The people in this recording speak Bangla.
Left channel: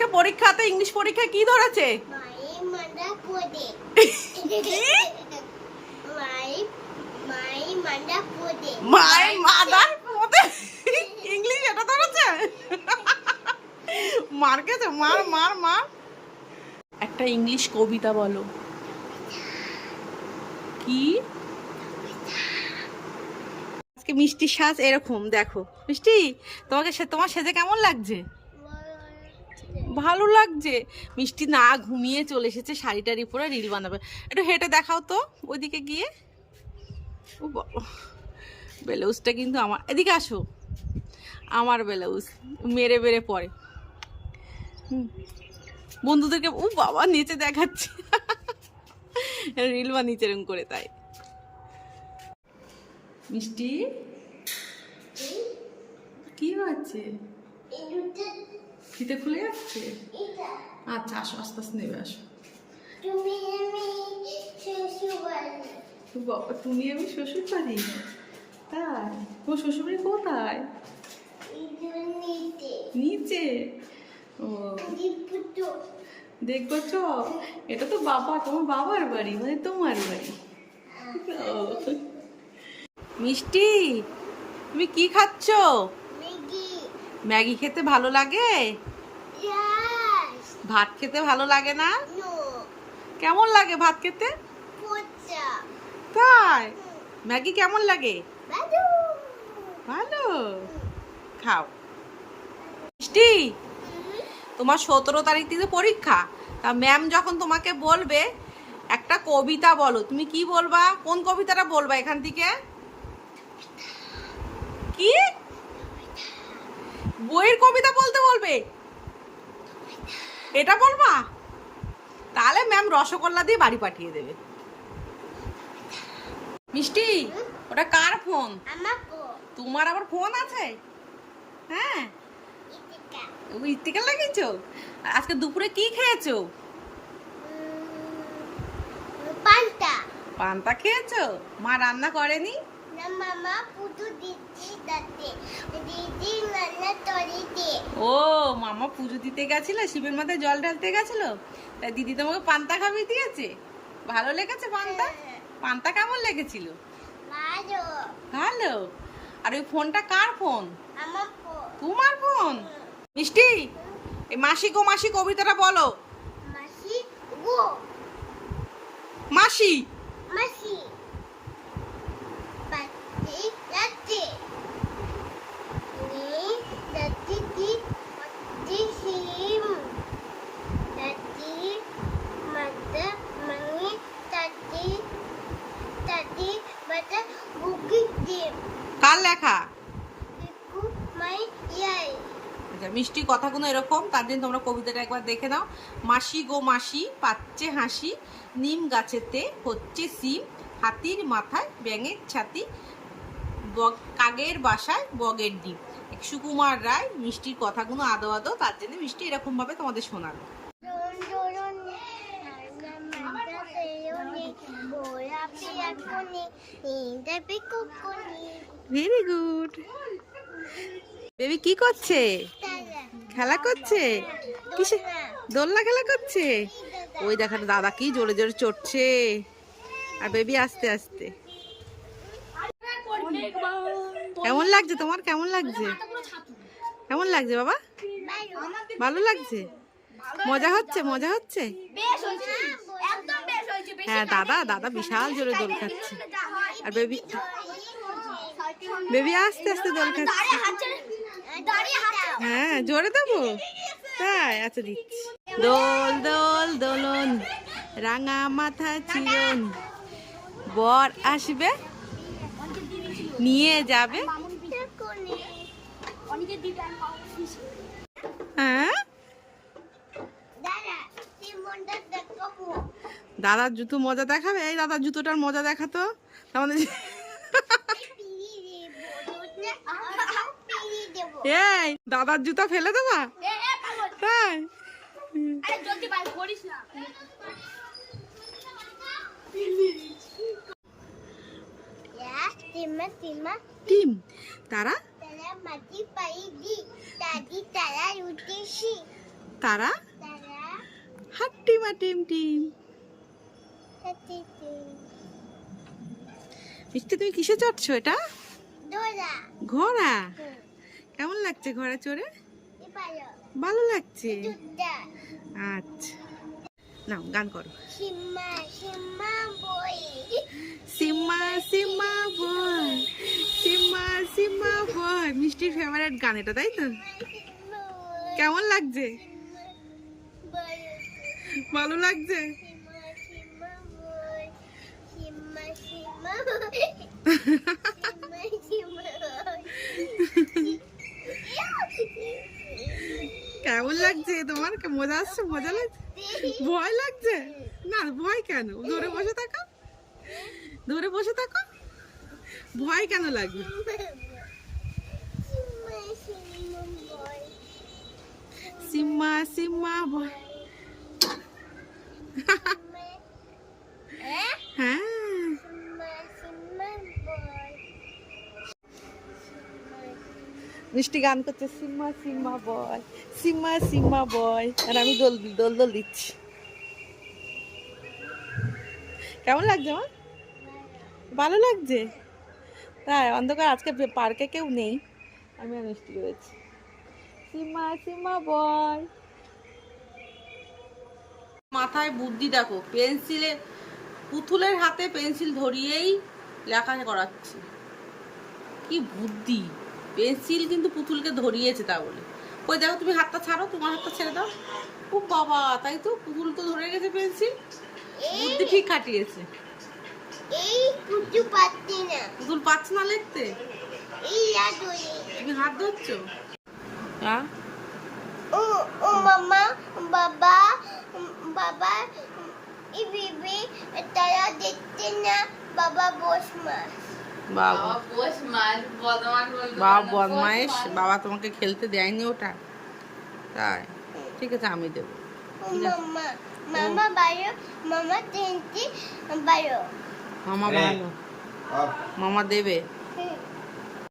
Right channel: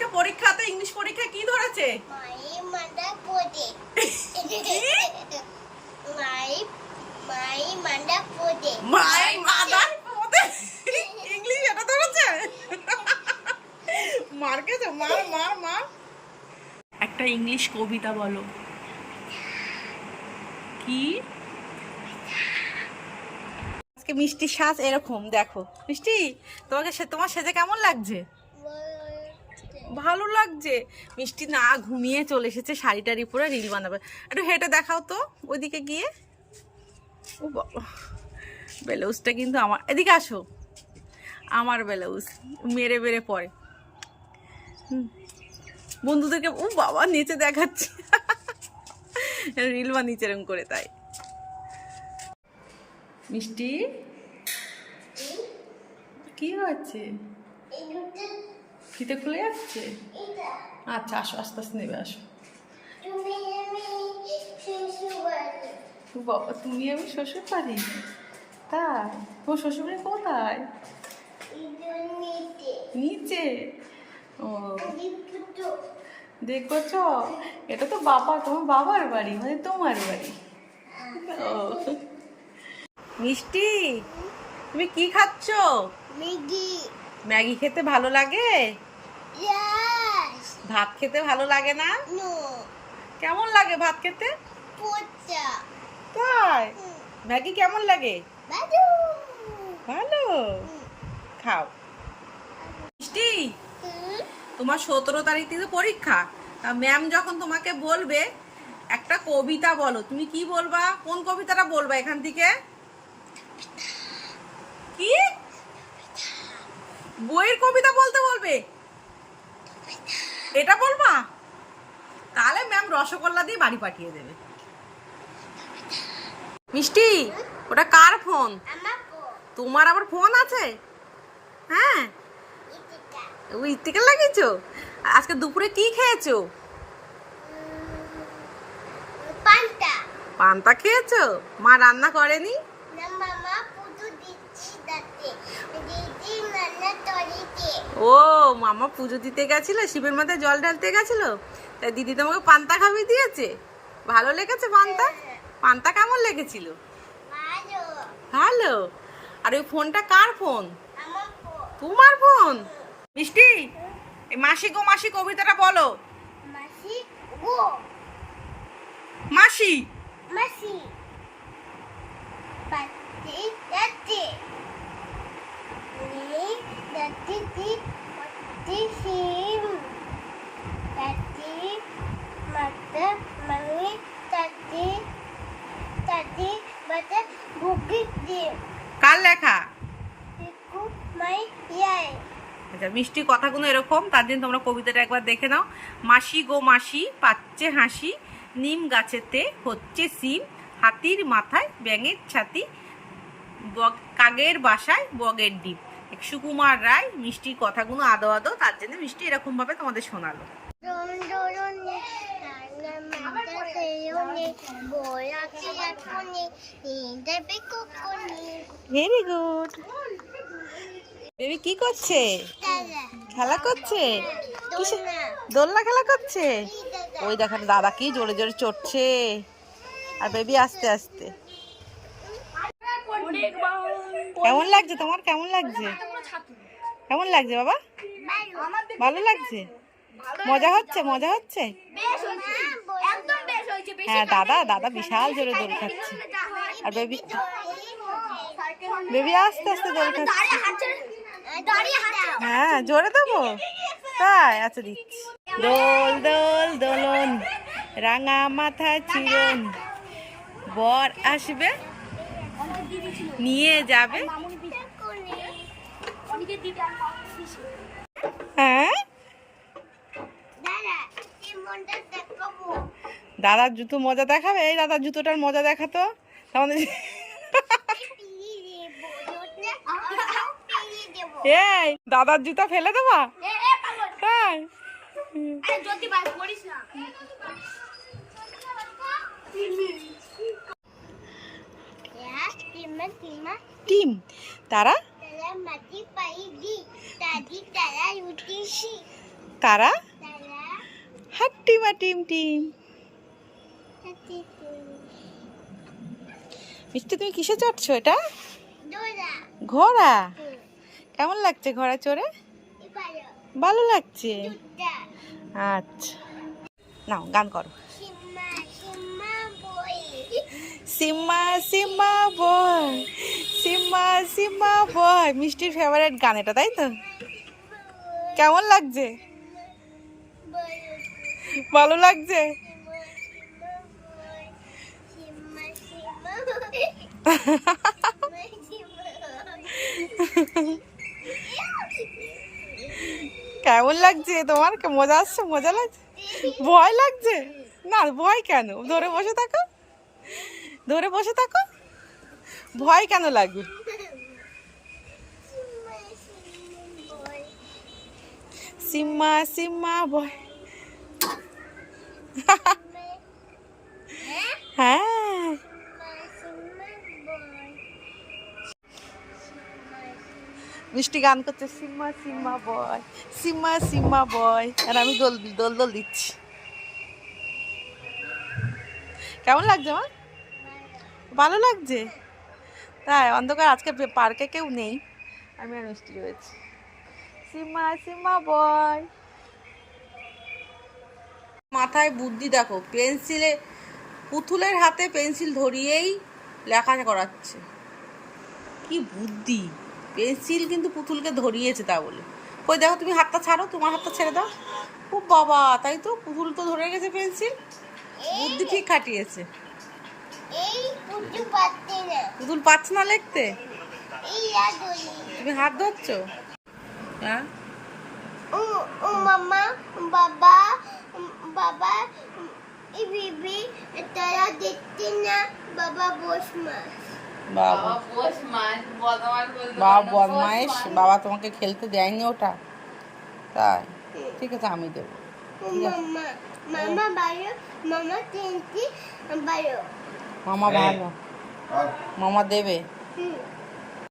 আজকে পরীক্ষাতে ইংলিশ পরীক্ষায় কি ধরেছে? মায়ের মাদার পড়ে মায়ের মাদার পড়ে ইংলিশ এটা ধরেছে। মার খেয়েছে, মার মার মার। একটা ইংলিশ কবিতা বলো। কি? আজকে মিষ্টির সাজ এরকম, দেখো মিষ্টি তোমার সেজে কেমন লাগছে? ভালো লাগছে। মিষ্টি না ঘুমিয়ে চলে এসেছে, শাড়ি টাড়ি পরে রিল বানাবে। একটু হেঁটে দেখাও তো ওইদিকে গিয়ে। ও বাবা, ব্লাউজটা কিন্তু আমার, এদিকে আসো, আমার ব্লাউজ মেরে মেরে পরে বন্ধুদেরকে। ও বাবা, নিচে দেখাচ্ছে, রিল বানিয়েছে এরকম করে। তাই মিষ্টি কি হচ্ছে? ফিতে খুলে যাচ্ছে। আচ্ছা আসো, আস্তে আস্তে নেবে, আসো। বাবা, তুমি আমি শ্বশুর বাড়ি? তাই? তোমার শ্বশুর বাড়ি কোথায়? নিচে। ও দেখবো চ। এটা তো তোমার বাবার বাড়ি, মানে তোমার বাড়ি। ও মিষ্টি, তুমি কি খাচ্ছ? ম্যাগি খেতে ভালো লাগে? ভাত খেতে ভালো লাগে না? কেমন লাগে ভাত খেতে? তাই? ম্যাগি কেমন লাগে? ভালো। খাও। মিষ্টি, তোমার 17 তারিখ থেকে পরীক্ষা। তা ম্যাম যখন তোমাকে বলবে একটা কবিতা বলো, তুমি কি বলবা? কোন কবিতাটা বলবা এখান থেকে? কি বইয়ের কবিতা বলতে বলবে? এটা বলবা? তাহলে ম্যাম রসগোল্লা দিয়ে বাড়ি পাঠিয়ে দেবে। মিষ্টি, ওটা কার ফোন? তোমার আবার ফোন আছে? হ্যাঁ, ও ইতিকার লাগিয়েছো। আজকে দুপুরে কি খেয়েছো? পান্তা খেয়েছো? মা রান্না করেনি? ও মামা পুজো দিতে গেছিল, শিবের মাথায় জল ঢালতে গেছিল, তাই দিদি তোমাকে পান্তা খাইয়ে দিয়েছে। ভালো লেগেছে পান্তা? পান্তা কেমন লেগেছিল? ভালো। আর ওই ফোনটা কার ফোন? তোমার ফোন। মিষ্টি, এই মাসি গো মাসি কবিতাটা বলো। মাসি কার লেখা? আচ্ছা, মিষ্টি কথাগুলো এরকম, তার জন্য তোমরা কবিতাটা একবার দেখে নাও। মাসি গো মাসি পাচ্ছে হাসি, নিম গাছেতে হচ্ছে সিম, হাতির মাথায় ব্যাঙের ছাতি, কাকের বাসায় বগের ডিম। সুকুমার রায় মিষ্টির কথাগুলো আদো আদো, তার জন্য মিষ্টি এরকম ভাবে তোমাদের শোনালো। Very good. বেবি কি করছে? খেলা করছে? কিসে? দোলনা খেলা করছে। ওই দেখো দাদা কি জোরে জোরে চড়ছে, আর বেবি আস্তে আস্তে। কেমন লাগছে তোমার? কেমন লাগছে? কেমন লাগছে বাবা? ভালো লাগছে? মজা হচ্ছে? মজা হচ্ছে? হ্যাঁ, দাদা বিশাল জোরে দোল খাচ্ছে, আর বেবি আস্তে আস্তে দোল খাচ্ছে। হ্যাঁ, জোরে দেবো? তাই? আচ্ছা দিচ্ছি। দোল দোল দোলন, রাঙা মাথায় চিরন, বর আসবে নিয়ে যাবে। হ্যাঁ, দাদার জুতো মজা দেখাবে? এই দাদার জুতোটার মজা দেখাতো আমাদের। এই দাদার জুতা ফেলে দেবা? তাই? টিম তারা কারা? তারা হাট্টিমা টিম টিম। হাতি মিষ্টি তুমি কিসে চড়ছো এটা? দোলা ঘোড়া। কেমন লাগছে ঘোড়া চড়ে? এবারো ভালো লাগছে। দুটা আচ্ছা, নাও গান করো। সিম্মা সিম্মা বই সিম্মা সিম্মা বয়, সিম্মা সিম্মা বয়। মিষ্টির ফেভারিট গান এটা, তাই তো? কেমন লাগছে? ভালো লাগছে। সিম্মা সিম্মা কেমন লাগছে তোমার? মজা আসছে? মজা লাগছে? ভয় লাগছে? না, ভয় কেন? ধরে বসে থাকো, ধরে বসে থাকো। ভয় কেন লাগবে? সিম্মা সিম্মা বয়। হ্যাঁ, মিষ্টি গান করছে সিম্মা সিম্মা বয়, সিম্মা সিম্মা বয়। আর আমি দোল দোল দোল দিচ্ছি। কেমন লাগছে মা? ভালো লাগছে? তাই? অন্ধকার আজকে পার্কে কেউ নেই, আমি আর মিষ্টি রয়েছি। সিম্মা সিম্মা বয়। মাথায় বুদ্ধি দেখো, পেন্সিলে পুতুলের হাতে পেন্সিল ধরিয়েই লেখা করাচ্ছে। কি বুদ্ধি! পেন্সিল কিন্তু পুতুলকে ধরিয়েছে তা বলে। কই দেখো, তুমি হাতটা ছাড়ো, তোমার হাতটা ছেড়ে দাও। ও বাবা, তাই তো, পুতুল তো ধরে গেছে পেন্সিল। বুদ্ধি ঠিক খাটিয়েছে। এই পুজো পাচ্ছে না পুতুল পাচ্ছে না লিখতে। এই লাগোই তুমি হাত ধরছো? হ্যাঁ, ও ও মামা বাবা বাবা এই বিবি তারা দেখতে না বাবা বসমা বাবা বাবা বদমাইশ। বাবা তোমাকে খেলতে দেয়নি ওটা, তাই? ঠিক আছে, আমি দেবো। ঠিক আছে, মামা মামা বারো মামা তিনটি বারো মামা ভালো, মামা দেবে। হুম